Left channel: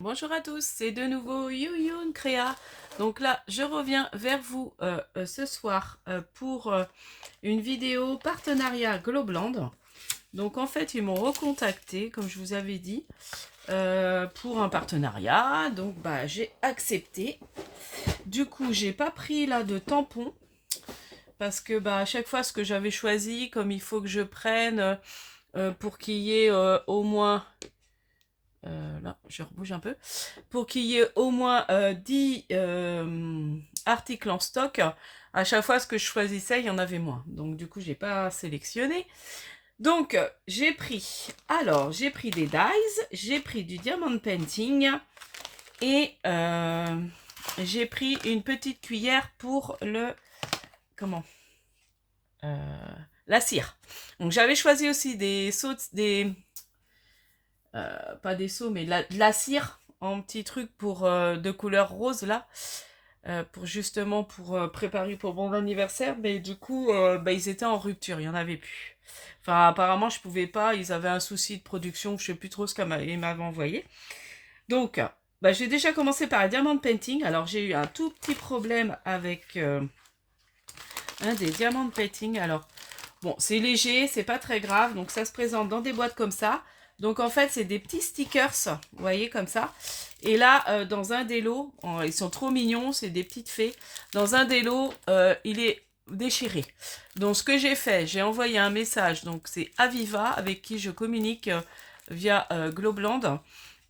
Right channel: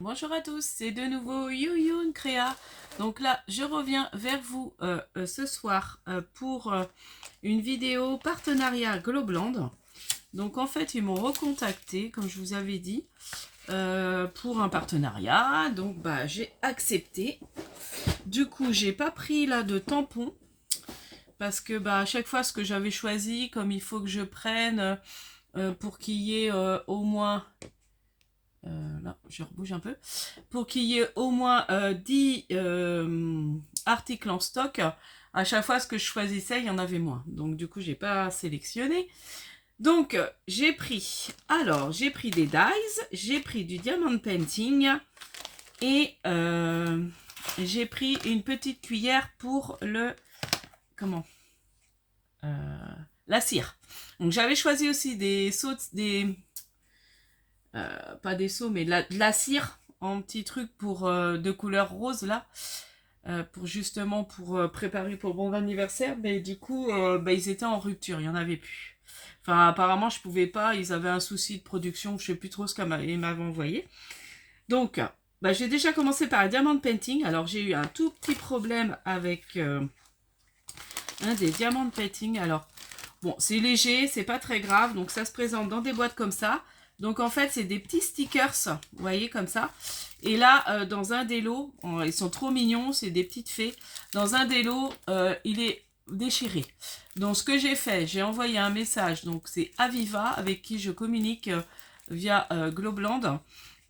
Bonjour à tous, c'est de nouveau Youyun Créa. Donc là, je reviens vers vous ce soir pour une vidéo partenariat Globland. Donc en fait, ils m'ont recontacté, comme je vous avais dit, pour un partenariat. Donc bah j'ai accepté. Du coup, j'ai pas pris là de tampon parce que bah à chaque fois ce que j'avais choisi, comme il faut que je prenne pour qu'il y ait au moins là, je rebouge un peu. Pour qu'il y ait au moins 10 articles en stock, à chaque fois ce que je choisissais, il y en avait moins. Donc du coup, j'ai pas sélectionné. Donc j'ai pris des dies, j'ai pris du diamond painting et j'ai pris une petite cuillère pour le comment la cire. Donc j'avais choisi aussi des sauts, pas des seaux, mais de la cire en petit truc pour de couleur rose là, pour justement pour préparer pour mon anniversaire. Mais du coup, bah, ils étaient en rupture, il y en avait plus. Enfin, apparemment, je pouvais pas. Ils avaient un souci de production, je sais plus trop ce qu'ils m'avaient envoyé. Donc, bah, j'ai déjà commencé par un diamond painting. Alors, j'ai eu un tout petit problème avec un des diamond painting. Alors, bon, c'est léger, c'est pas très grave, donc ça se présente dans des boîtes comme ça. Donc en fait, c'est des petits stickers, vous voyez, comme ça. Et là, dans un des lots, ils sont trop mignons, c'est des petites fées. Dans un des lots, il est déchiré. Donc ce que j'ai fait, j'ai envoyé un message, donc c'est Aviva, avec qui je communique via Globland.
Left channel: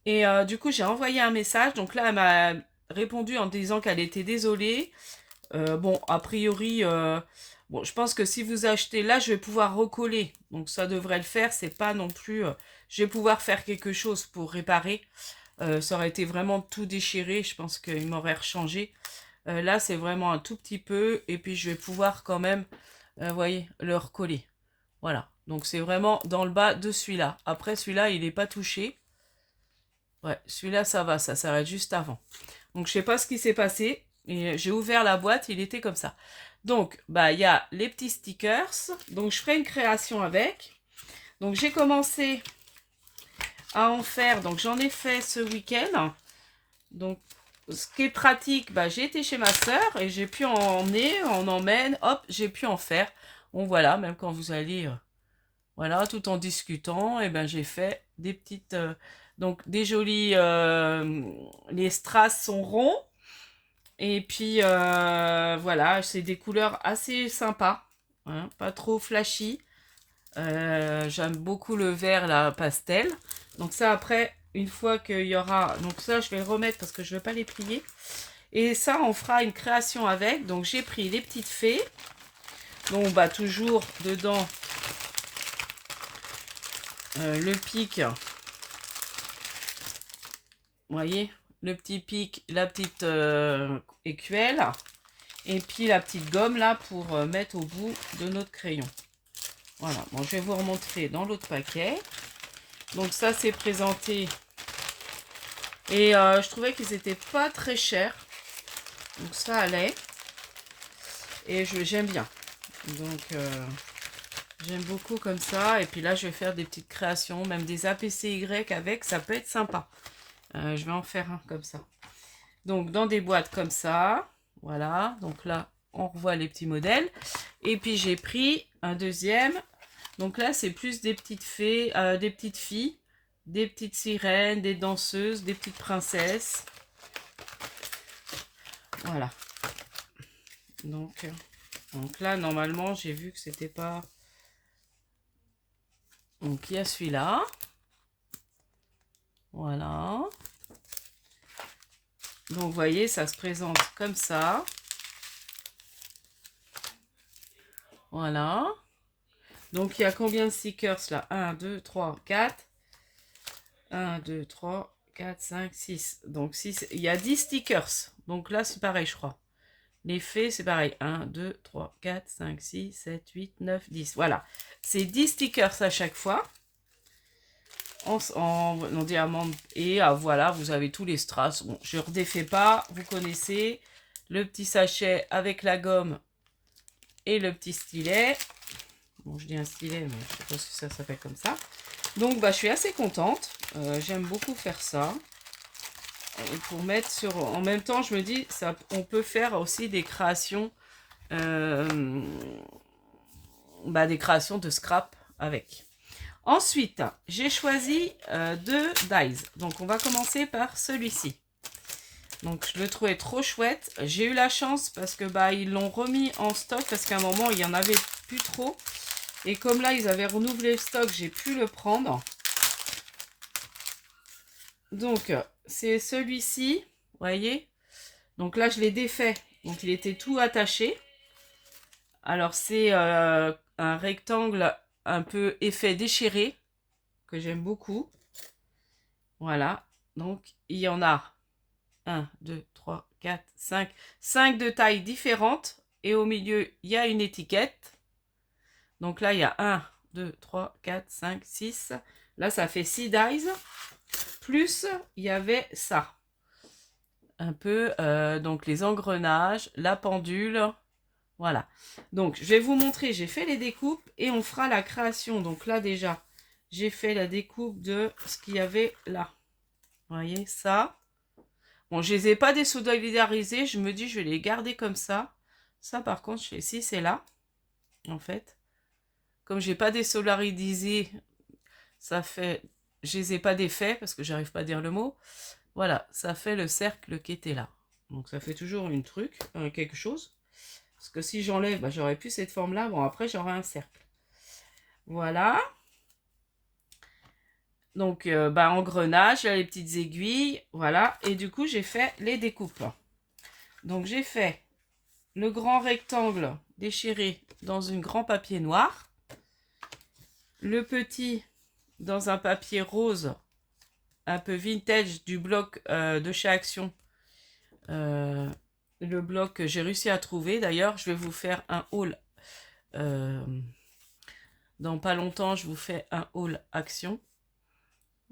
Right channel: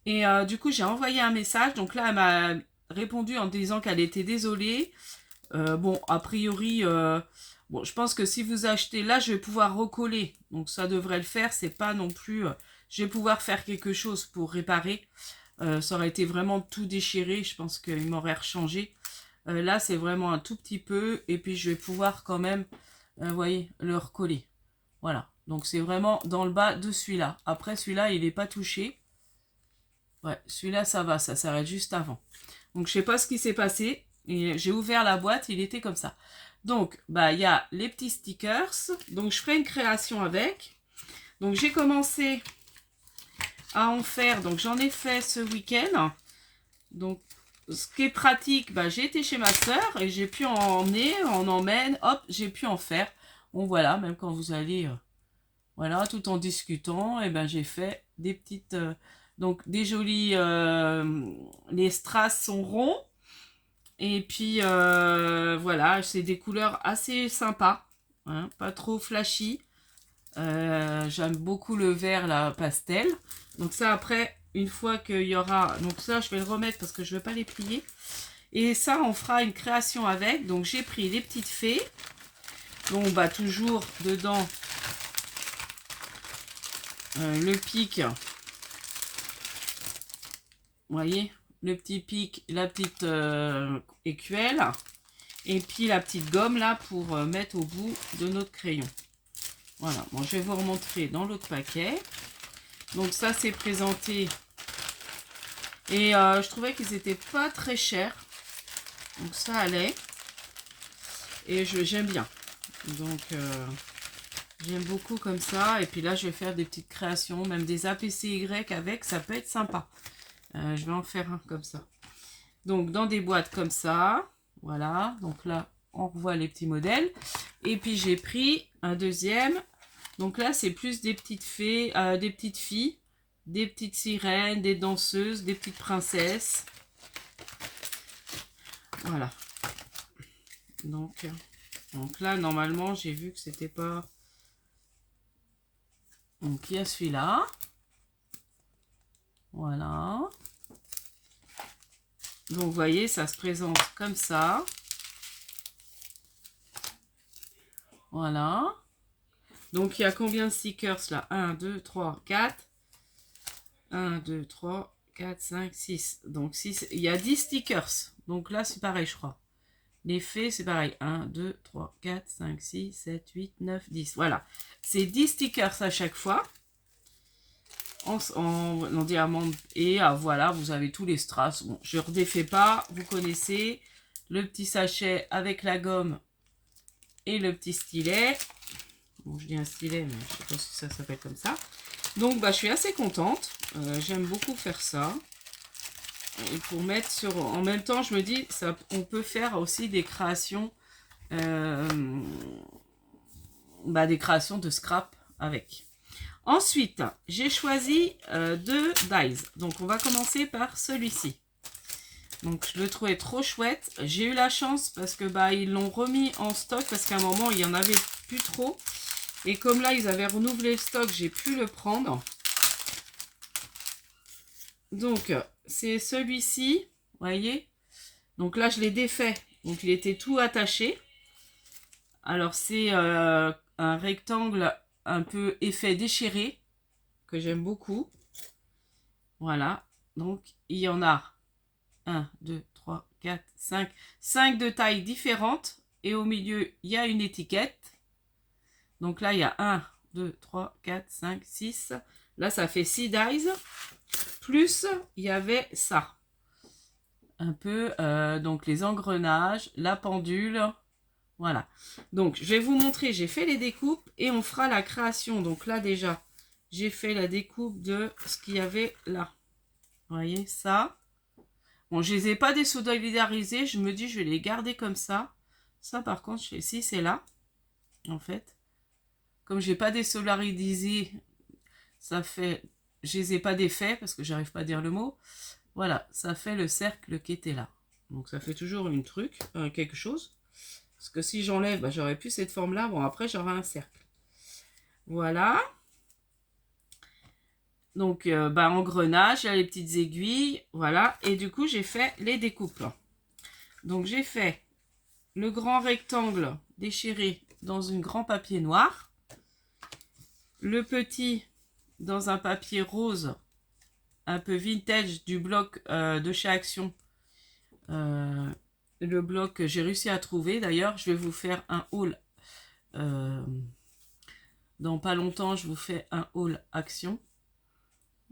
Et du coup, j'ai envoyé un message, donc là, elle m'a répondu en disant qu'elle était désolée. Bon, a priori, bon, je pense que si vous achetez là, je vais pouvoir recoller. Donc ça devrait le faire. C'est pas non plus. Je vais pouvoir faire quelque chose pour réparer. Ça aurait été vraiment tout déchiré. Je pense qu'il m'aurait rechangé. Là, c'est vraiment un tout petit peu. Et puis je vais pouvoir quand même, vous voyez, le recoller. Voilà. Donc c'est vraiment dans le bas de celui-là. Après, celui-là, il n'est pas touché. Ouais, celui-là, ça va. Ça s'arrête juste avant. Donc je sais pas ce qui s'est passé. Et j'ai ouvert la boîte, il était comme ça. Donc, bah, il y a les petits stickers. Donc, je ferai une création avec. Donc, j'ai commencé à en faire. Donc, j'en ai fait ce week-end. Donc, ce qui est pratique, bah, j'ai été chez ma soeur et j'ai pu en emmener, on emmène, hop, j'ai pu en faire. Bon, voilà, même quand vous allez, voilà, tout en discutant, et ben, j'ai fait des petites, donc, des jolies, les strass sont ronds. Et puis voilà, c'est des couleurs assez sympas, hein, pas trop flashy. J'aime beaucoup le vert là, pastel. Donc ça après, une fois qu'il y aura... Donc ça, je vais le remettre parce que je ne vais pas les plier. Et ça, on fera une création avec. Donc j'ai pris les petites fées. Donc bah toujours dedans le pic. Vous voyez, le petit pic, la petite écuelle. Et puis la petite gomme là pour mettre au bout de notre crayon. Voilà, bon, je vais vous remontrer dans l'autre paquet. Donc ça, c'est présenté. Et je trouvais qu'ils n'étaient pas très chers. Donc ça allait. Et j'aime bien. Donc j'aime beaucoup comme ça. Et puis là, je vais faire des petites créations, même des APCY avec. Ça peut être sympa. Je vais en faire un comme ça. Donc dans des boîtes comme ça. Voilà. Donc là, on revoit les petits modèles. Et puis j'ai pris un deuxième. Donc là, c'est plus des petites fées, des petites filles, des petites sirènes, des danseuses, des petites princesses. Voilà. Donc là, normalement, j'ai vu que c'était pas... Donc il y a celui-là. Voilà. Donc vous voyez, ça se présente comme ça. Voilà. Donc il y a combien de stickers là? 1, 2, 3, 4. 1, 2, 3, 4, 5, 6. Donc 6. Il y a 10 stickers. Donc là, c'est pareil, je crois. Les fées, c'est pareil. 1, 2, 3, 4, 5, 6, 7, 8, 9, 10. Voilà. C'est 10 stickers à chaque fois. En diamant. Et voilà, vous avez tous les strass. Bon, je ne redéfais pas. Vous connaissez le petit sachet avec la gomme et le petit stylet. Bon, je dis un stylet, mais je ne sais pas si ça s'appelle comme ça. Donc, bah, je suis assez contente. J'aime beaucoup faire ça. pour mettre sur... En même temps, je me dis, ça, on peut faire aussi des créations, des créations de scrap avec. Ensuite, j'ai choisi deux dies. Donc, on va commencer par celui-ci. Donc, je le trouvais trop chouette. J'ai eu la chance parce que ils l'ont remis en stock parce qu'à un moment, il n'y en avait plus trop. Et comme là, ils avaient renouvelé le stock, j'ai pu le prendre. Donc, c'est celui-ci, vous voyez. Donc là, je l'ai défait. Donc, il était tout attaché. Alors, c'est un rectangle un peu effet déchiré, que j'aime beaucoup. Voilà. Donc, il y en a 1, 2, 3, 4, 5. 5 de tailles différentes. Et au milieu, il y a une étiquette. Donc là, il y a 1, 2, 3, 4, 5, 6. Là, ça fait 6 dies. Plus, il y avait ça. Un peu, donc les engrenages, la pendule. Voilà. Donc, je vais vous montrer. J'ai fait les découpes et on fera la création. Donc là, déjà, j'ai fait la découpe de ce qu'il y avait là. Vous voyez, ça. Bon, je les ai pas désolidarisés. Je me dis, je vais les garder comme ça. Ça, par contre, si c'est là, en fait. Comme j'ai pas désolidarisé, ça fait... Je les ai pas défaits parce que j'arrive pas à dire le mot. Voilà, ça fait le cercle qui était là. Donc ça fait toujours une truc, quelque chose. Parce que si j'enlève, j'aurais plus cette forme-là. Bon, après, j'aurai un cercle. Voilà. Donc, engrenage, les petites aiguilles. Voilà. Et du coup, j'ai fait les découpes. Donc, j'ai fait le grand rectangle déchiré dans un grand papier noir. Le petit dans un papier rose, un peu vintage du bloc de chez Action. Le bloc que j'ai réussi à trouver. D'ailleurs, je vais vous faire un haul. Dans pas longtemps, je vous fais un haul Action.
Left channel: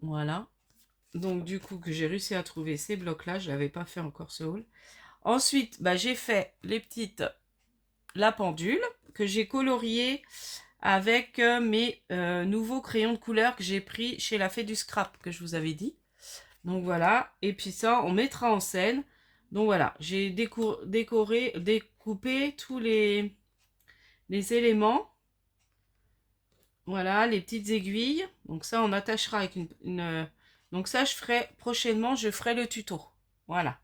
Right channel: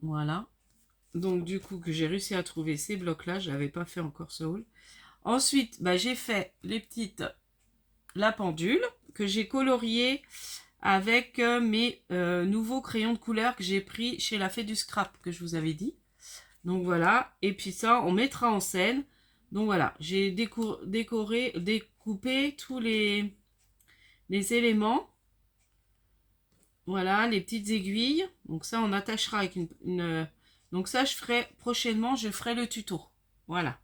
Voilà. Donc, du coup, que j'ai réussi à trouver ces blocs-là. Je n'avais pas fait encore ce haul. Ensuite, j'ai fait la pendule que j'ai coloriée avec mes nouveaux crayons de couleur que j'ai pris chez la Fée du Scrap, que je vous avais dit. Donc, voilà. Et puis ça, on mettra en scène. Donc, voilà. J'ai découpé tous les éléments. Voilà, les petites aiguilles. Donc ça, on attachera avec une... Donc ça, prochainement, je ferai le tuto. Voilà.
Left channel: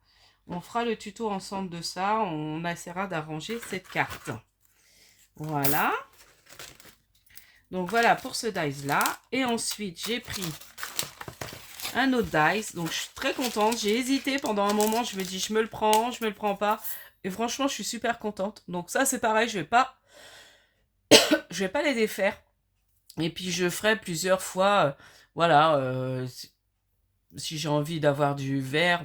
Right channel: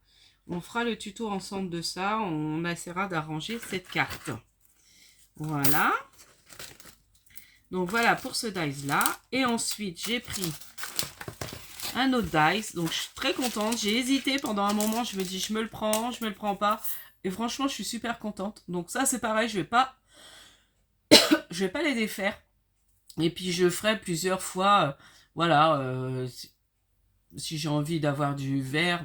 On fera le tuto ensemble de ça. On essaiera d'arranger cette carte. Voilà. Donc voilà pour ce dice-là. Et ensuite, j'ai pris un autre dice. Donc je suis très contente. J'ai hésité pendant un moment. Je me dis, je me le prends, je me le prends pas. Et franchement, je suis super contente. Donc ça, c'est pareil. Je vais pas les défaire. Et puis je ferai plusieurs fois, voilà, si j'ai envie d'avoir du vert,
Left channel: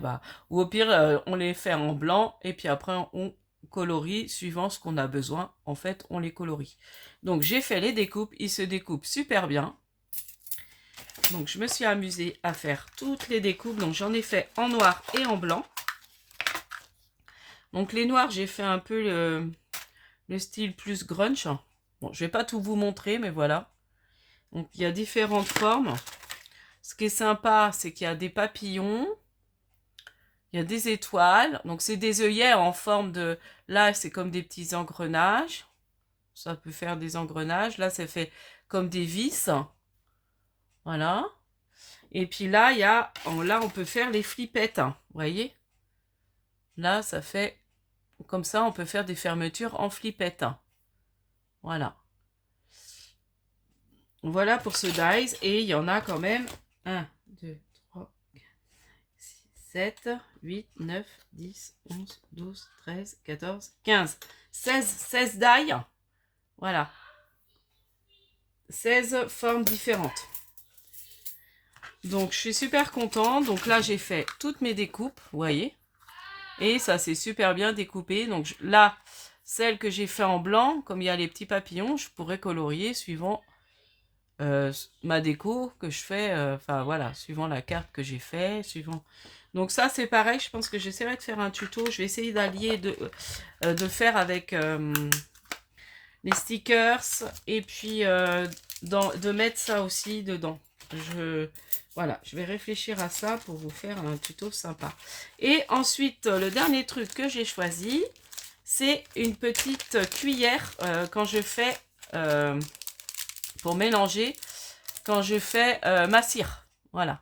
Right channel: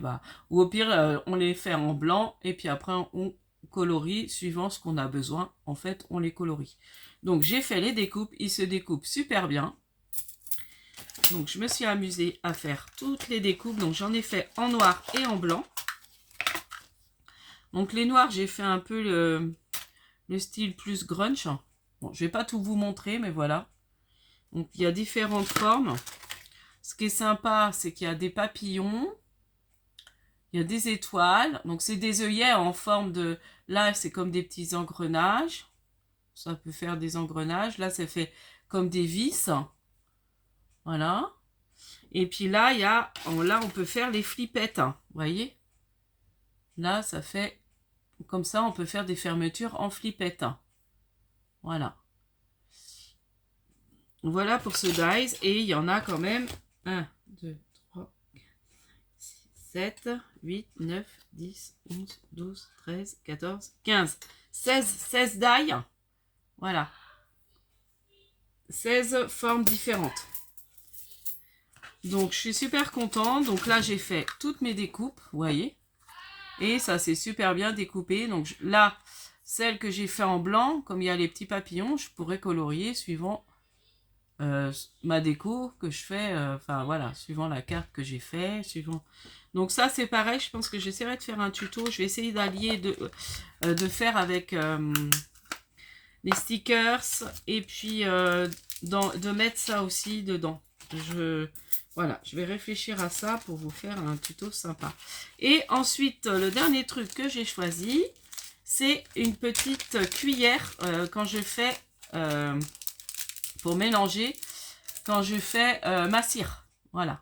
ou au pire, on les fait en blanc, et puis après on colorie, suivant ce qu'on a besoin, en fait, on les colorie. Donc j'ai fait les découpes, ils se découpent super bien. Donc je me suis amusée à faire toutes les découpes, donc j'en ai fait en noir et en blanc. Donc les noirs, j'ai fait un peu le style plus grunge. Bon, je vais pas tout vous montrer, mais voilà. Donc, il y a différentes formes. Ce qui est sympa, c'est qu'il y a des papillons. Il y a des étoiles. Donc, c'est des œillets en forme de... Là, c'est comme des petits engrenages. Ça peut faire des engrenages. Là, c'est fait comme des vis. Voilà. Et puis là, là, on peut faire les flippettes. Vous voyez? Là, ça fait... Comme ça, on peut faire des fermetures en flippettes. Voilà. Voilà pour ce dice. Et il y en a quand même 1, 2, 3, 4, 6, 7, 8, 9, 10, 11, 12, 13, 14, 15, 16 die. Voilà. 16 formes différentes. Donc, je suis super contente. Donc là, j'ai fait toutes mes découpes, vous voyez. Et ça, c'est super bien découpé. Donc là, celle que j'ai fait en blanc, comme il y a les petits papillons, je pourrais colorier suivant ma déco que je fais, enfin voilà, suivant la carte que j'ai fait, suivant... Donc ça c'est pareil, je pense que j'essaierai de faire un tuto, je vais essayer d'allier, de faire avec les stickers, et puis de mettre ça aussi dedans. Voilà, je vais réfléchir à ça pour vous faire un tuto sympa. Et ensuite, le dernier truc que j'ai choisi, c'est une petite cuillère quand je fais, pour mélanger, quand je fais ma cire. Voilà.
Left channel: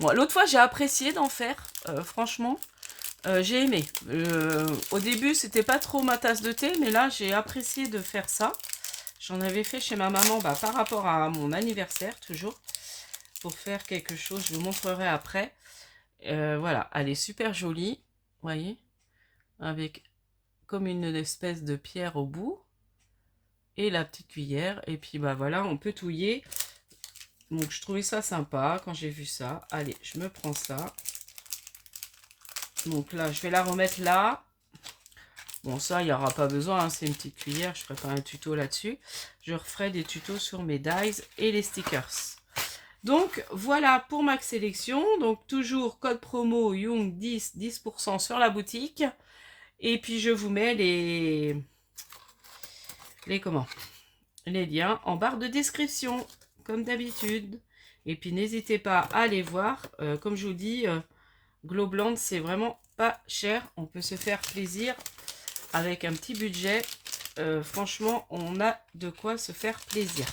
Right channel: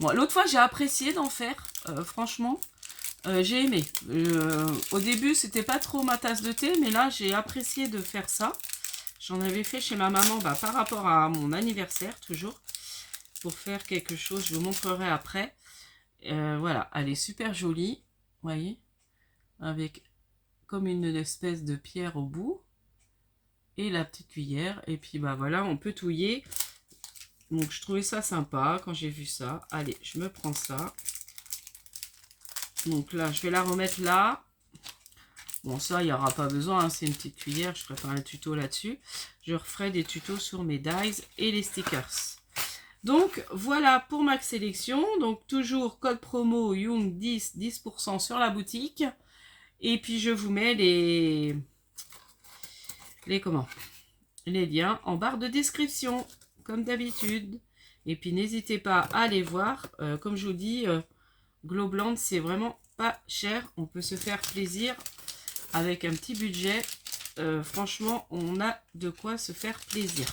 Bon, l'autre fois, j'ai apprécié d'en faire, franchement. J'ai aimé. Au début, c'était pas trop ma tasse de thé, mais là, j'ai apprécié de faire ça. J'en avais fait chez ma maman par rapport à mon anniversaire, toujours. Pour faire quelque chose, je vous montrerai après. Voilà, elle est super jolie. Vous voyez, avec comme une espèce de pierre au bout. Et la petite cuillère. Et puis, voilà, on peut touiller. Donc, je trouvais ça sympa quand j'ai vu ça. Allez, je me prends ça. Donc là, je vais la remettre là. Bon, ça, il n'y aura pas besoin, hein, c'est une petite cuillère, je ferai pas un tuto là-dessus. Je referai des tutos sur mes dies et les stickers. Donc, voilà pour ma sélection. Donc, toujours code promo Young10, 10% sur la boutique. Et puis, je vous mets les liens en barre de description, comme d'habitude. Et puis, n'hésitez pas à les voir. Comme je vous dis, Globland, c'est vraiment pas cher. On peut se faire plaisir. Avec un petit budget, franchement, on a de quoi se faire plaisir.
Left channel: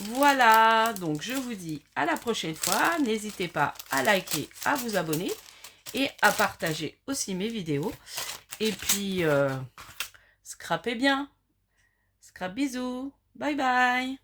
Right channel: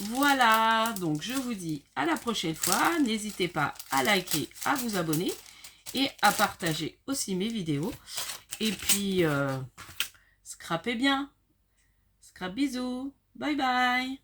Voilà, donc je vous dis à la prochaine fois. N'hésitez pas à liker, à vous abonner et à partager aussi mes vidéos. Et puis, scrapez bien. Scrap bisous. Bye bye.